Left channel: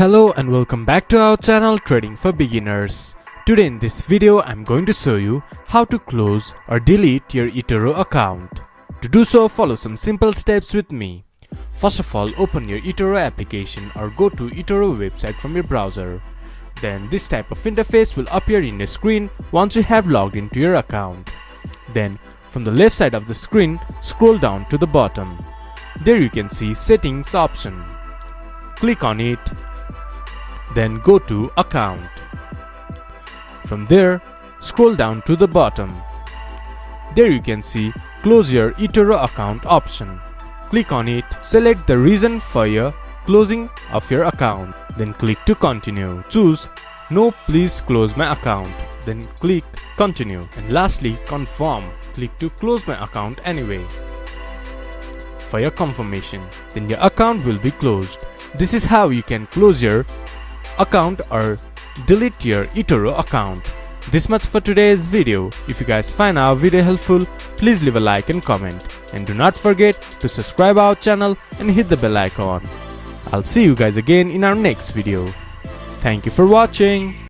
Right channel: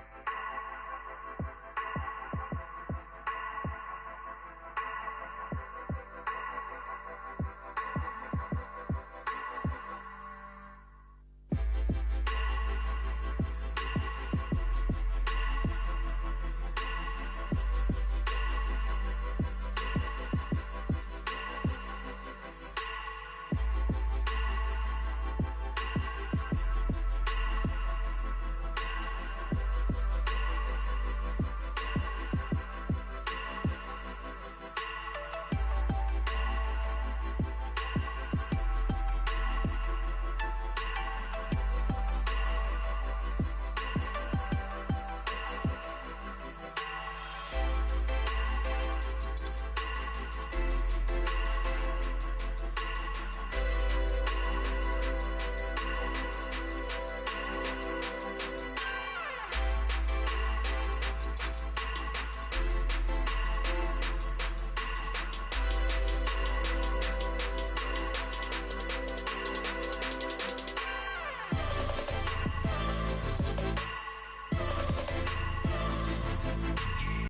Hello and welcome back to our channel Trading for Beginners. Today in this video I'm going to show you how to close or delete your eToro account. To do so, follow some simple steps with me. First of all, open your eToro application or go to eToro website from your browser. Then this type of interface will appear in your screen once you have logged into your account. Then from the left side of the screen, scroll down to the bottom. There you can see Settings option. Click on it. Then go to Account. From there, scroll down to the bottom. There you can see Close your eToro account option. Click on it. Select the reason for your closing of your account. Then click to continue. Choose No, please close my account. Then click Continue. And lastly, confirm. Click to close my account anyway. For your confirmation, then your account will be closed. This is how you can close your account or delete your eToro account. This much for today's video. If you guys find our video helpful, please leave a like and comment. And do not forget to subscribe our channel and hit the bell icon. I'll see you guys again in our next video. Thank you for watching.